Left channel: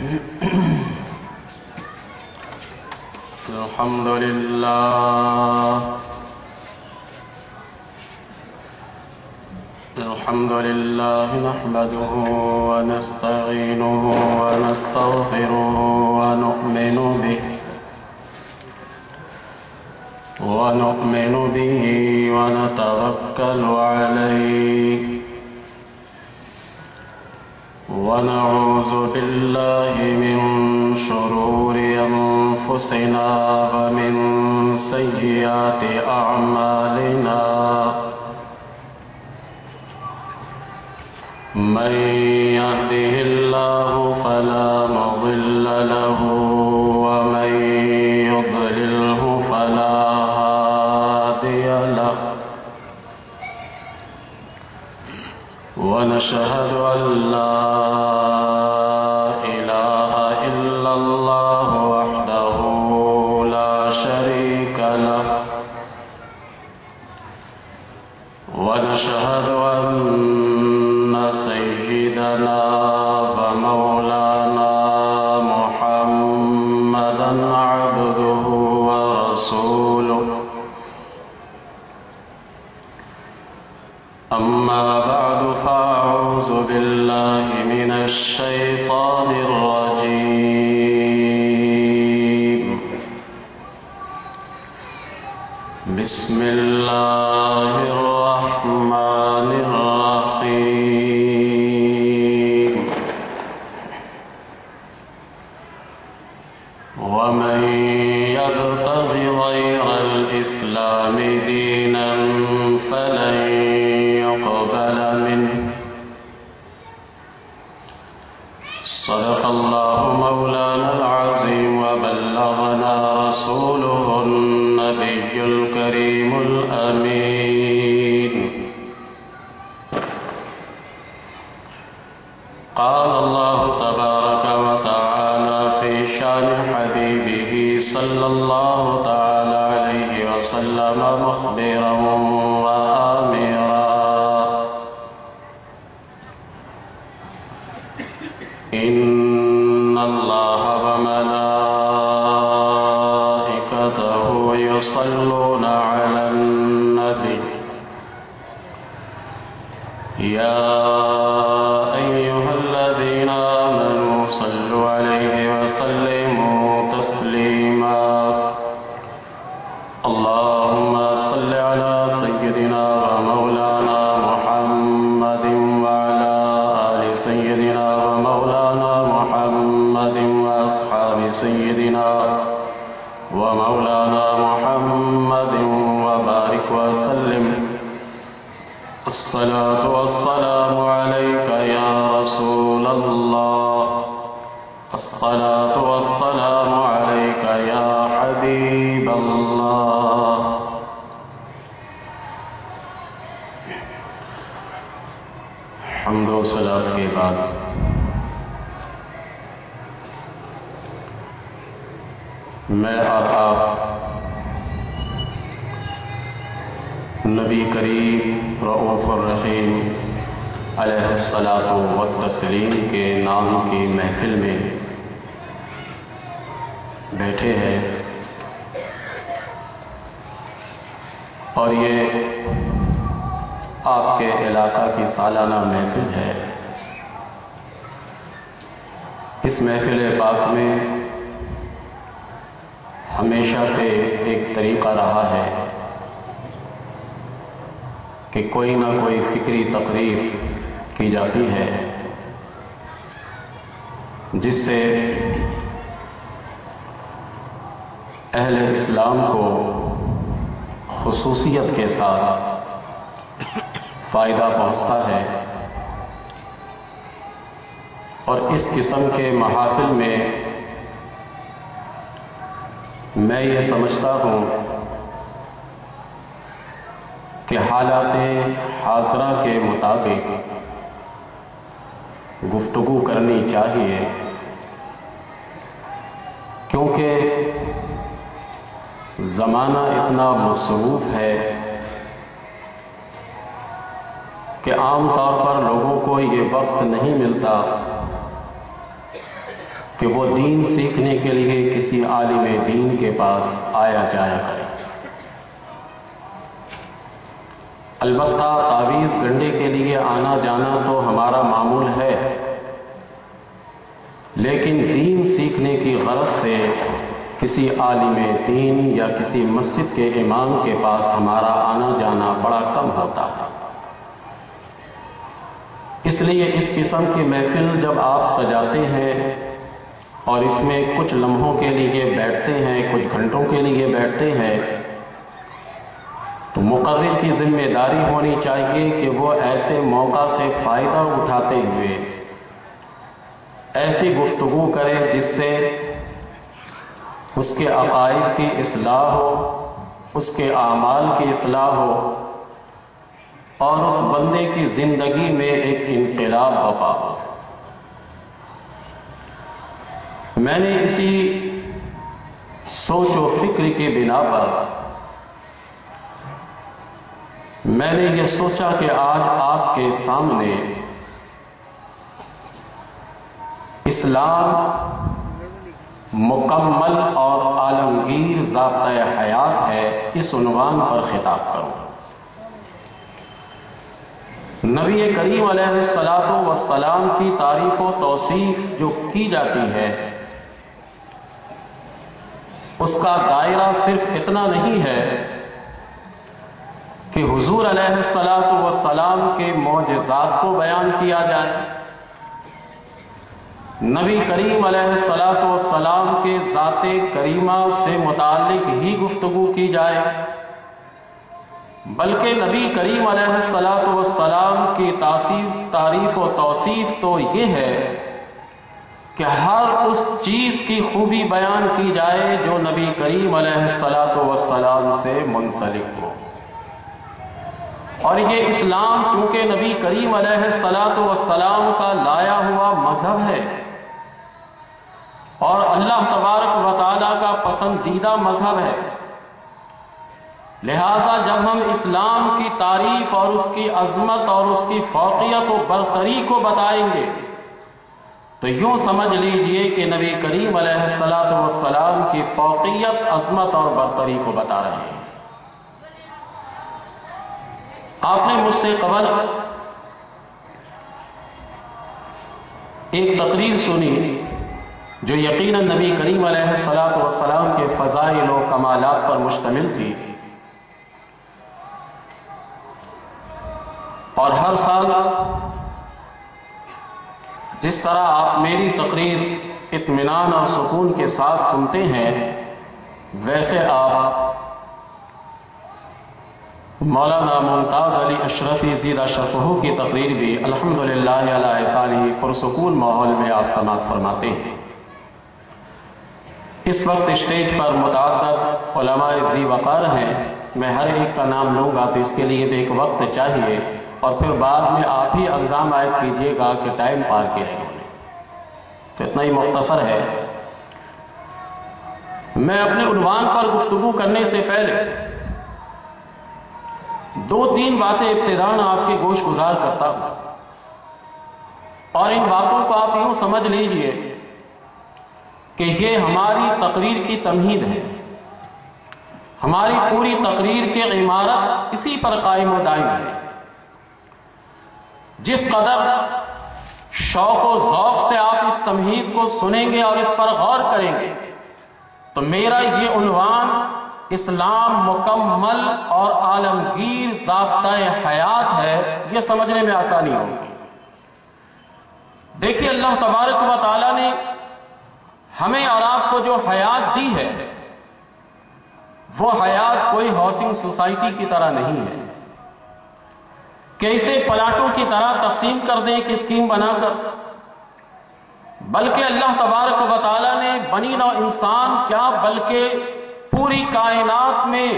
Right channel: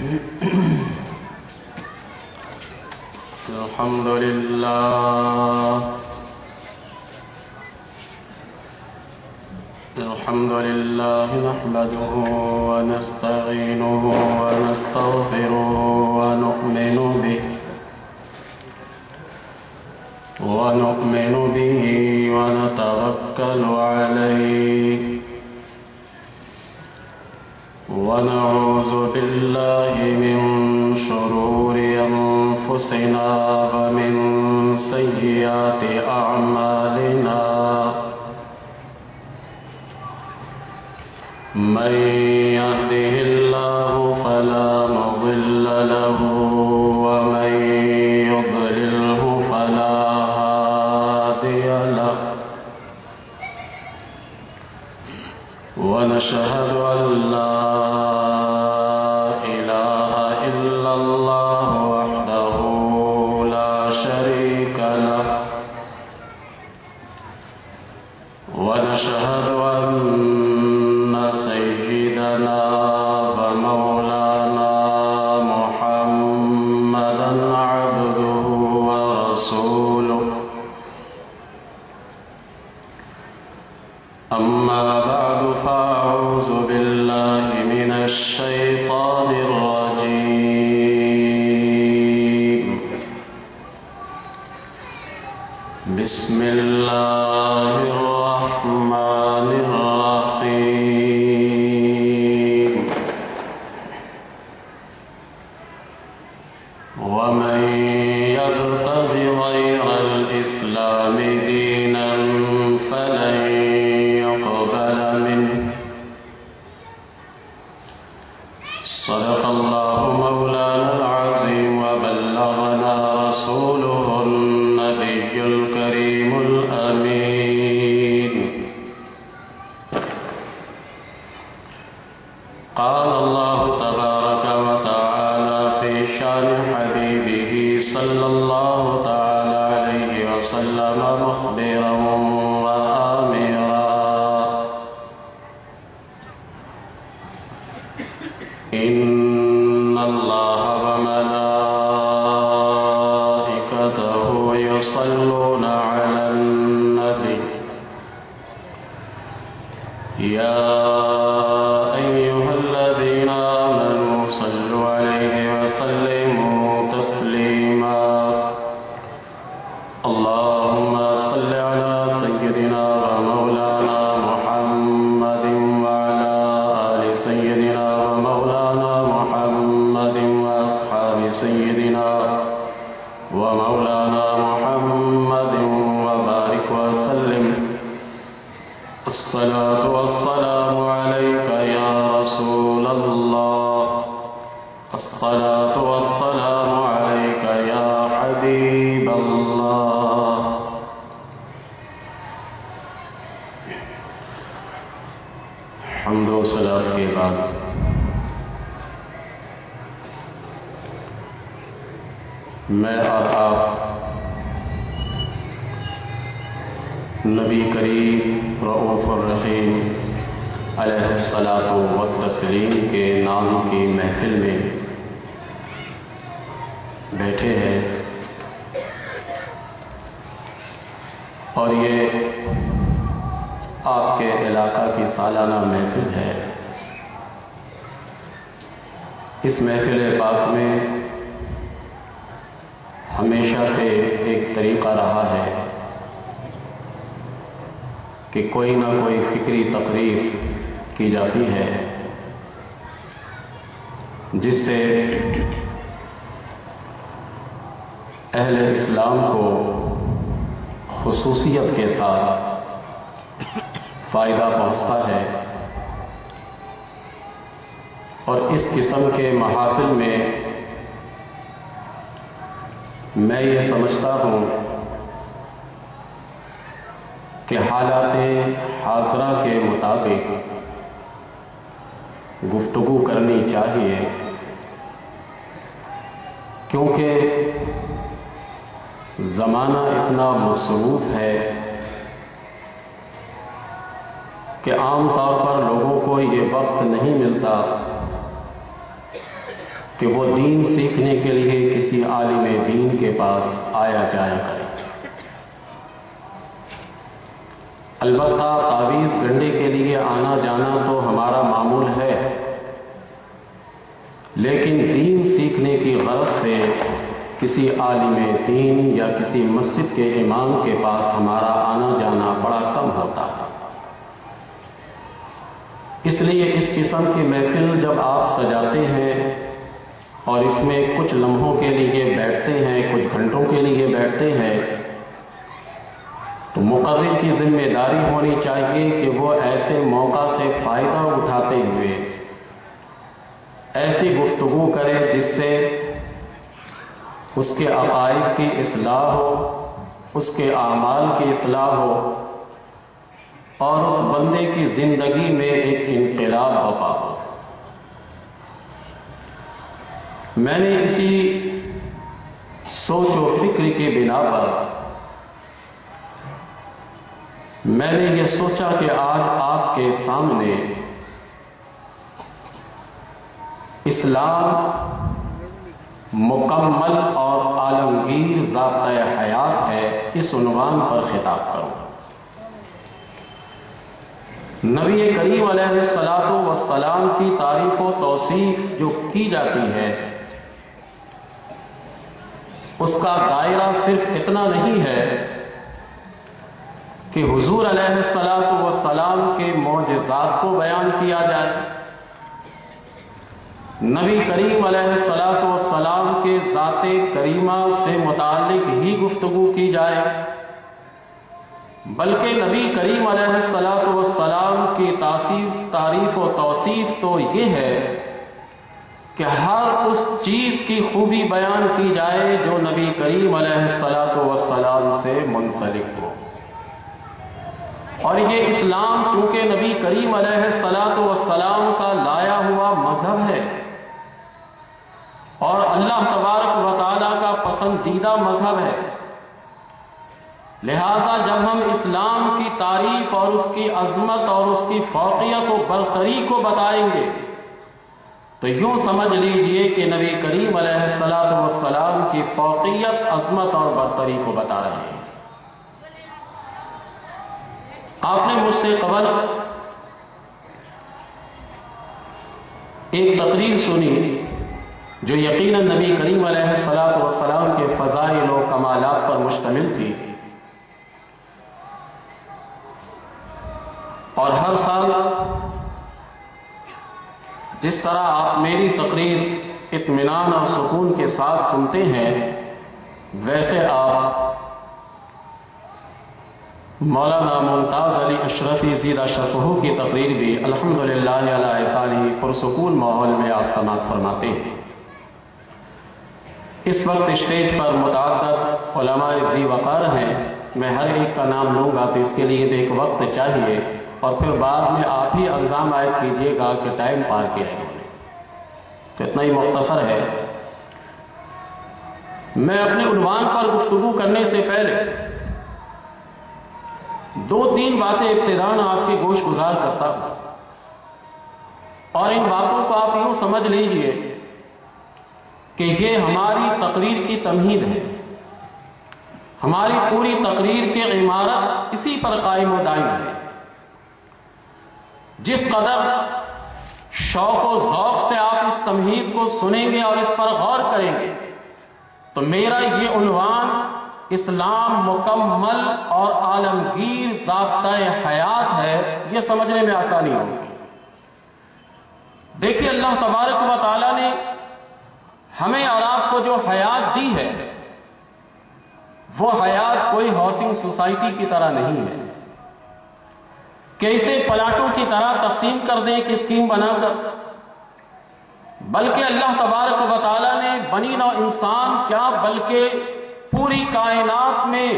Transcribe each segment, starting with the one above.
الحمد لله نحمده ونستعينه ونستغفره ونؤمن به ونتوكل عليه ونعوذ بالله من شرور أنفسنا ومن سيئات أعمالنا من يهده الله فلا مضل له ومن يضلله فلا هادي له ونشهد أن لا إله إلا الله وحده لا شريك له ونشهد أن سيدنا ومولانا محمدا عبده ورسوله أما بعد فأعوذ بالله من الشيطان الرجيم بسم الله الرحمن الرحيم ومن يبتغ غير الإسلام دينا فلن يقبل منه صدق الله مولانا العظيم وبلغنا رسوله النبي الكريم الأمين قال الله تبارك وتعالى في شان حبيبه صلى الله تعالى عليه وسلم مخبرا وآمرا إن الله وملائكته يصلون على النبي يا أيها الذين آمنوا صلوا عليه وسلموا تسليما اللهم صل على سيدنا ومولانا محمد وعلى آل سيدنا ومولانا محمد وأصحاب سيدنا ومولانا محمد وبارك وسلم الصلاة والسلام عليك يا رسول الله الصلاة والسلام عليك يا حبيب الله حمد و صلاة کے بعد میں اور آپ نبی کریم رؤوف الرحیم علیہ الصلاۃ والتسلیم کے نام کی محفل میں بیٹھے ہیں اور یہ آپ کے علاقہ کی سالانہ محفل ہے۔ اس محفل پاک میں ہمیشہ سے ایک طریقہ رہا ہے کہ کوئی نہ کوئی فکری تقریر کی جاتی ہے جس سے اہل اسلام کو خصوصیت کے ساتھ فائدہ پہنچتا ہے، اور اس قسم کے محافل میں میں یہ سمجھتا ہوں کہ حالات حاضرہ کے مطابق گفتگو کرنی چاہیے، کیونکہ زمانہ اتنا مصروف ہے کہ عام طور پر لوگوں کو یہ وقت نہیں ملتا کہ وہ دین سیکھنے کے لیے کسی عالم دین کے پاس آیا جایا کرے۔ البتہ تعویذ گنڈے کے لیے آنا جانا تو ہمارا معمول ہے، لیکن دین سیکھنے کی غرض سے کسی عالم دین یا کسی مسجد کے امام کے پاس ہمارا آنا جانا بڑا کم ہوتا ہے۔ اس لیے اس قسم کی محفل جب آپ سجاتے ہیں اور اس میں کچھ لمحوں کے لیے بیٹھتے ہیں، کچھ گھنٹوں کے لیے بیٹھتے ہیں، تو مقرر کی ذمہ داری ہونی چاہیے کہ وہ ایسے موقع سے فائدہ اٹھاتے ہوئے ایسی گفتگو کرے جس سے اس کے عقائد کی اصلاح ہو، اس کے اعمال کی اصلاح ہو اور اس بندے کی زندگی میں ایک انقلاب برپا ہو۔ میں نے اسی سوچ و فکر کی بنا پر میں نے یہ سوچا کہ آج آپ کے سامنے اسلام مکمل اور عالمگیر ضابطۂ حیات ہے، اس عنوان پر خطاب کروں۔ نبی کریم علیہ الصلاۃ والسلام کی تعریف و توصیف جو کی جاتی ہے اس کا دائرہ صرف اتنا نہیں ہے کہ حضور علیہ الصلاۃ والسلام کے معجزات کو بیان کیا جائے، نبی کریم علیہ الصلاۃ والسلام کے ذات کریمہ سے متعلق ہی گفتگو کی جائے، بلکہ نبی کریم علیہ الصلاۃ والسلام کی تعریف و توصیف تو یہ ہے کہ ہر اس چیز کی خوبی بیان کی جائے جو نبی کریم علیہ الصلاۃ والسلام سے منسلک ہو۔ اور یہ اسلام چونکہ نبی کریم علیہ الصلاۃ والسلام کا لایا ہوا مذہب ہے اور اللہ تبارک و تعالیٰ کا پسندیدہ مذہب ہے، لہٰذا جب ہم اسلام کی تعریف اور اس کی عظمت اور اس کی فوقیت و برتری کو بتائیں گے تو یوں سمجھ لیجئے کہ نبی کریم علیہ الصلاۃ والسلام کی فوقیت، عظمت اور برتری کو بتا رہے ہیں۔ آپ نے مجھ سے قبل ایک تقریر سنی جو یقیناً نبی کریم علیہ الصلاۃ والسلام کے فضائل و کمالات پر مشتمل تھی، اور ہر سال جس طرح آپ میری تقریر اطمینان اور سکون کے ساتھ سنتے ہیں، ویسے آپ مولانا ممتاز علی اشرفی زیدہ شرفہ کی تقریر بھی الحمدللہ علی احسانہ پرسکون ماحول میں آپ سماعت فرماتے ہیں۔ اس وقت اسٹیج پر متعدد علماء ذی وقار ہیں، میں ہر ایک کا نام لوں گا تو اس کے لیے بھی ایک وقت چاہیے، اور پھر بعد میں آپ ہی الزام عائد کیجئے گا کہ ٹائم پار کیا ہے، تو اتنا ہی مختصر ہے۔ میں اپنے عنوان پر گفتگو کرنے سے پہلے دو تین باتیں ابتداً آپ کے گوش گزار کرتا ہوں، اور ان باتوں کو آپ یوں سمجھ لیجئے کہ یہ ہماری تقریر کی تمہید ہے، ہماری پوری تقریر کی عمارت اسی پر قائم و دائم ہے۔ جس قدر شوق و ذوق سے آپ اس تمہید کو سنیں گے اور اس پر غور کریں گے تو میرا یہ عنوان اسلام مکمل اور عالمگیر ضابطۂ حیات ہے، یہ سمجھنے میں آسانی ہوگی۔ دیکھیے اللہ تبارک و تعالیٰ نے ہمیں اور آپ کو جو حیات دی ہے وہ حیات کوئی ہاؤسنگ سوسائٹی کی طرح نہیں ہے کہ اسے پلاٹوں کی طرح تقسیم کر دیں ایک اسکیم بنا کر، بلکہ اللہ تبارک و تعالیٰ نے بنی نوع انسان کیا بلکہ پوری کائنات میں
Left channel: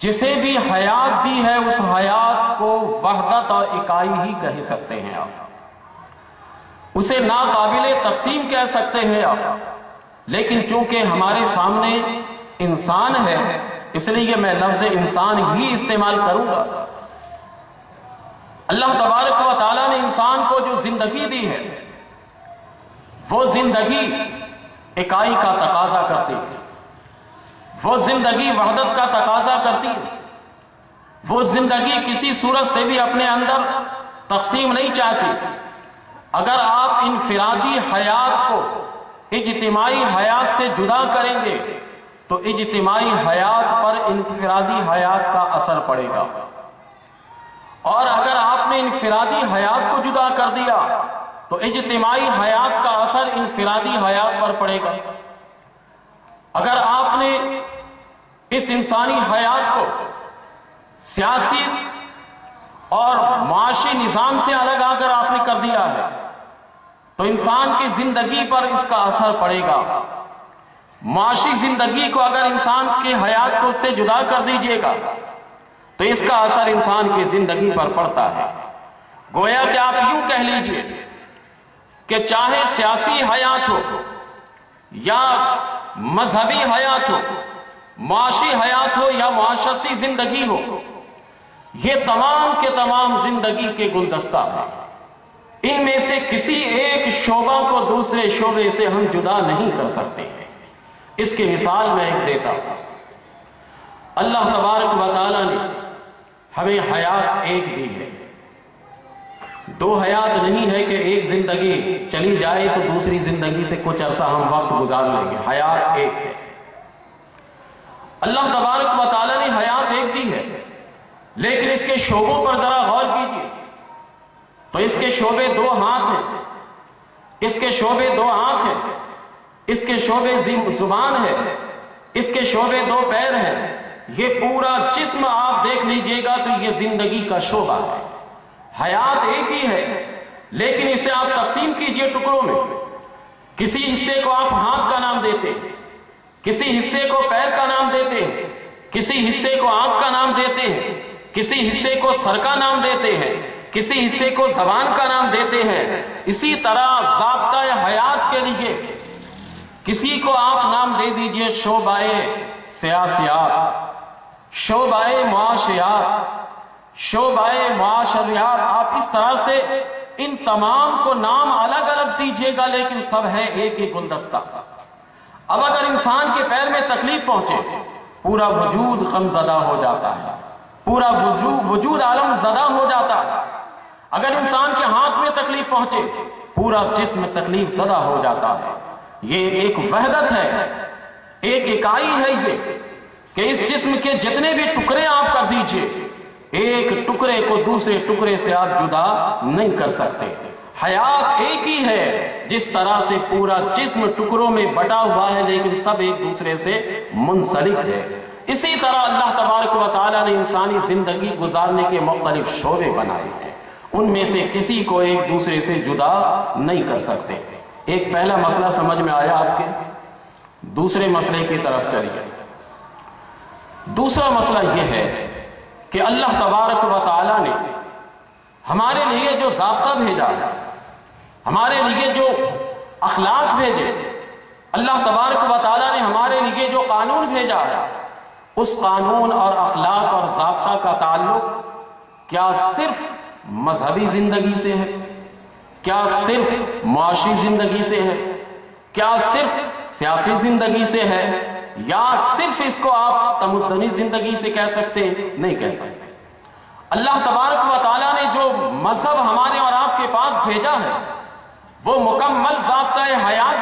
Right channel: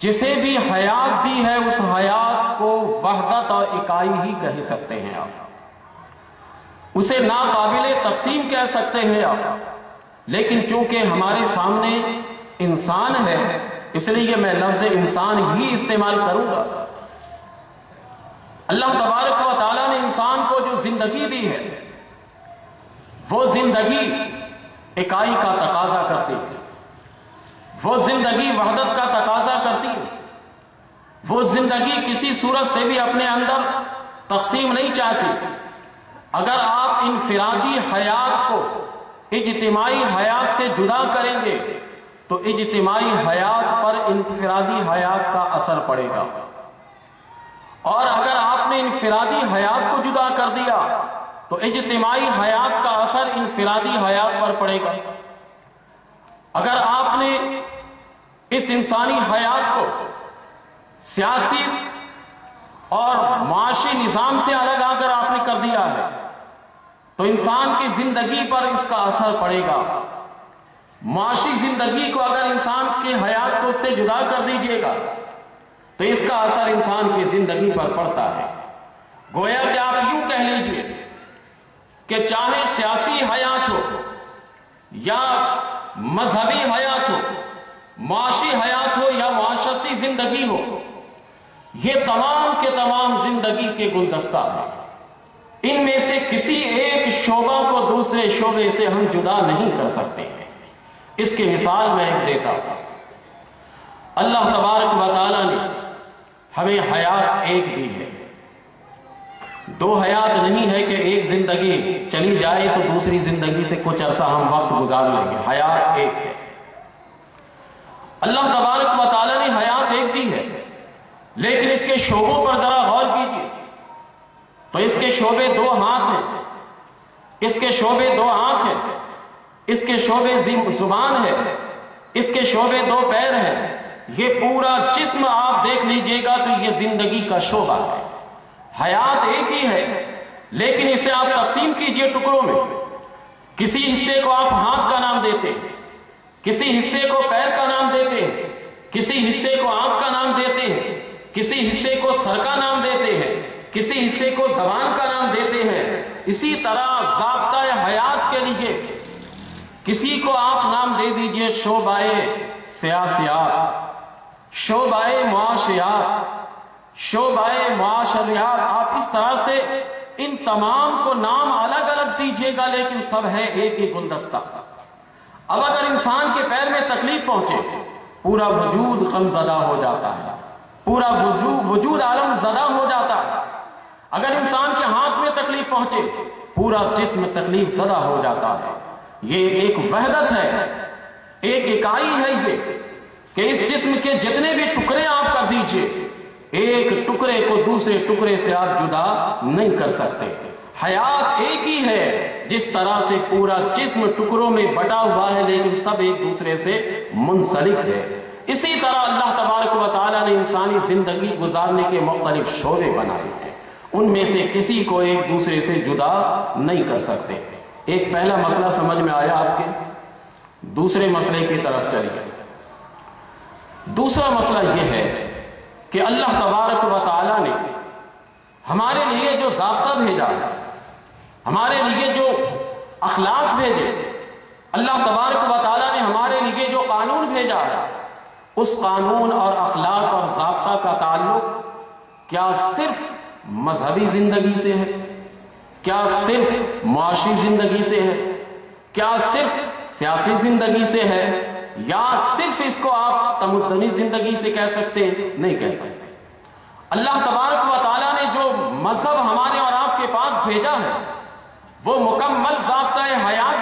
جسے بھی حیات دی ہے اس حیات کو وحدت اور اکائی ہی کہہ سکتے ہیں آپ، اسے ناقابل تقسیم کہہ سکتے ہیں آپ، لیکن چونکہ ہمارے سامنے انسان ہے اس لیے میں لفظ انسان ہی استعمال کروں گا۔ اللہ تبارک و تعالیٰ نے انسان کو جو زندگی دی ہے وہ زندگی اکائی کا تقاضا کرتی ہے، وہ زندگی وحدت کا تقاضا کرتی ہے، وہ زندگی کسی صورت سے بھی اپنے اندر تقسیم نہیں چاہتی۔ اگر آپ انفرادی حیات کو اجتماعی حیات سے جدا کریں گے تو اجتماعی حیات پر انفرادی حیات کا اثر پڑے گا، اور اگر آپ نے انفرادی حیات کو جدا کر دیا تو اجتماعی حیات کا اثر انفرادی حیات پر پڑے گا۔ اگر آپ نے اس انسانی حیات کو سیاسی اور معاشی نظام سے الگ اگر آپ نے کر دیا ہے تو انسان کی زندگی پر اس کا اثر پڑے گا۔ معاشی زندگی کو اگر انسان کی حیات کو اس سے جدا کر دیجئے گا تو اس کا اثر انسان کی زندگی پر پڑتا ہے۔ گویا کہ آپ یوں کہہ لیجئے کہ چاہے سیاسی حیات ہو یا مذہبی حیات ہو، معاشی حیات ہو یا معاشرتی زندگی ہو، یہ تمام کے تمام زندگی کے گلدستہ ہیں۔ ان میں سے کسی ایک شعبہ کو دوسرے شعبے سے ہم جدا نہیں کر سکتے ہیں۔ اس کی مثال میں ایک دیتا ہوں۔ اللہ تبارک و تعالیٰ نے ہمیں حیات ایک دی ہے، دو حیات نہیں ہے کہ ایک زندگی چلی جائے تو دوسری زندگی سے کچھ عرصہ ہم وقت گزار لیں گے۔ حیات ایک ہے۔ اللہ تبارک و تعالیٰ نے حیات ایک دی ہے، لیکن اس کے شعبوں پر ذرا غور کیجیے تو اس کے شعبے دو ہاتھ ہیں، اس کے شعبے دو آنکھ ہیں، اس کے شعبے زبان ہے، اس کے شعبے دو پیر ہیں۔ یہ پورا جسم آپ دیکھ لیجئے گا تو یہ زندگی کا شعبہ ہے۔ حیات ایک ہی ہے، لیکن اسے آپ تقسیم کیجئے ٹکڑوں میں۔ کسی حصے کو آپ ہاتھ کا نام دیتے ہیں، کسی حصے کو پیر کا نام دیتے ہیں، کسی حصے کو آنکھ کا نام دیتے ہیں، کسی حصے کو سر کا نام دیتے ہیں، کسی حصے کو زبان کا نام دیتے ہیں۔ اسی طرح ضابطہ حیات کے لیے کسی کو آپ نام دے دیجئے شعبہ سیاسیات، شعبہ معاشیات، شعبہ معاشریات۔ آپ اس طرح سے ان تمام کو نام الگ الگ دیجئے گا، لیکن سب ہے ایک ہی گلدستہ۔ اب اگر انسان کے پیر میں تکلیف پہنچے پورا وجود غم زدہ ہو جاتا ہے، پورا وجود عالم زدہ ہو جاتا ہے۔ اگر انسان کے ہاتھ میں تکلیف پہنچے پورا جسم تکلیف زدہ ہو جاتا ہے۔ یہ ایک وحدت ہے، ایک اکائی ہے یہ کہ اس جسم کے جتنے بھی ٹکڑے آپ کر دیجئے ایک ٹکڑے کو دوسرے ٹکڑے سے آپ جدا نہیں کر سکتے۔ حیات ایک ہی ہے، جس طرح سے پورا جسم ٹکڑوں میں بٹا ہوا ہے لیکن سب ایک دوسرے سے منسلک ہے، اسی طرح اللہ تبارک و تعالیٰ نے انسانی زندگی گزارنے کے مختلف شعبے بنائے ہیں، ان میں سے کسی کو ایک دوسرے سے جدا نہیں کر سکتے۔ ایک پہلا مسئلہ سمجھ میں آیا آپ کے، دوسرے مسئلے کی طرف چلیے۔ دوسرا مسئلہ یہ ہے کہ اللہ تبارک و تعالیٰ نے ہمارے لیے جو ضابطہ بھیجا ہے، ہمارے لیے جو اخلاق بھیجے، اللہ تبارک و تعالیٰ نے ہمارے لیے جو قانون بھیجا ہے، اس قانون اور اخلاق اور ضابطہ کا تعلق کیا صرف مذہبی زندگی سے ہے، کیا صرف معاشی زندگی سے ہے، کیا صرف سیاسی زندگی سے ہے، یا صرف اس کو آپ تمدنی زندگی سے کہہ سکتے ہیں؟ نہیں کہہ سکتے۔ اللہ تبارک و تعالیٰ نے جو مذہب ہمارے اور آپ کے پاس بھیجا ہے وہ مکمل ضابطۂ حیات